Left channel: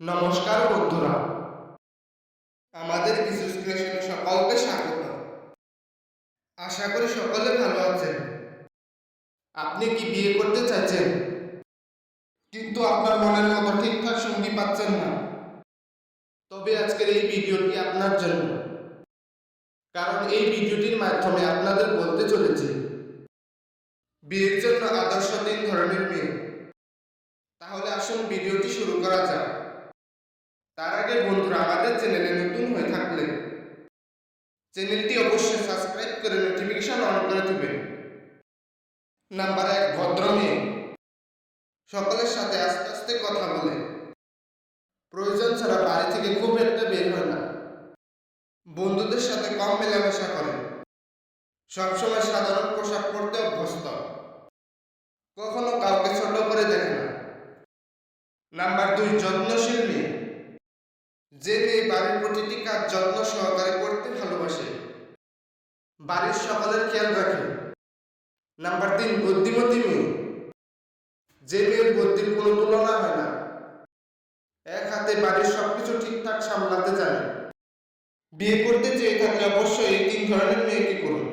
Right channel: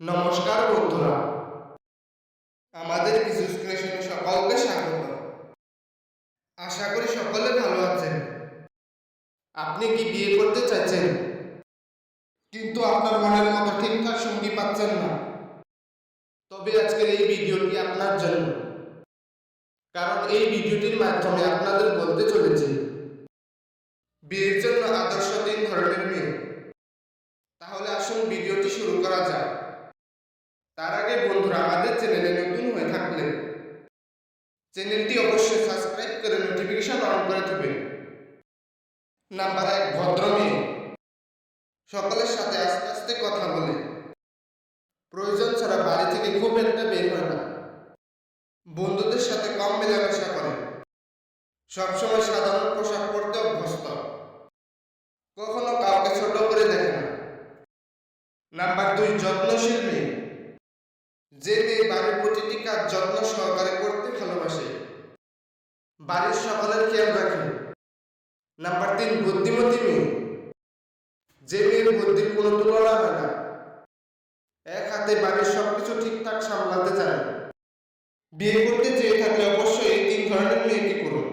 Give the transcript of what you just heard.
নমস্কার বন্ধুরা, আমাদের বিজুস ক্রিয়েশনে সকলকে স্বাগত। আশা করি সকলে ভালো আছেন। আপনি কি বিয়ে করতে চাচ্ছেন কিন্তু আপনার মনের মতো ঠিকঠাক সঙ্গী পাচ্ছেন না? তবে আজকের এই ভিডিওটি আপনার জন্য, কারণ এই ভিডিওটির মাধ্যমে আপনাদের বলতে চলেছি বিয়ের জন্য আদর্শ 3 ধরনের মেয়ে। তাহলে আসুন ভিডিওটি শুরু করা যাক। তার আগে বন্ধুরা, আমাদের চ্যানেলে নতুন হয়ে থাকলে চ্যানেলটি অবশ্যই সাবস্ক্রাইব করে নোটিফিকেশন অন করে দেবেন। নাম্বার 1, ভদ্র মেয়ে। সকলের সাথে আস্তে আস্তে কথা বলে, প্রয়োজন ছাড়া বাড়ি থেকে খুব একটা বের হয় না, বন্ধুদের সাথে কম মেলামেশা করে, সবসময় সাধারণ পোশাক পরতে অভ্যস্ত, কখনো কাউকে ছোট করে দেখে না। নাম্বার 2, যত্নশীল মেয়ে। যে মেয়ে বাড়ির প্রতিটি কাজ যত্ন সহকারে করতে ভালোবাসে, বাড়ির সকলের খেয়াল রাখে। নাম্বার 3, বুদ্ধিমতী মেয়ে। যে মেয়ের বুদ্ধির কোনো তুলনা হয় না, এক হাতে বাড়ির সবকিছু ঠিকঠাক সামলাতে জানে। বিয়ে করতে চেয়ে থাকলে অবশ্যই এই 3 ধরনের মেয়েকে করুন।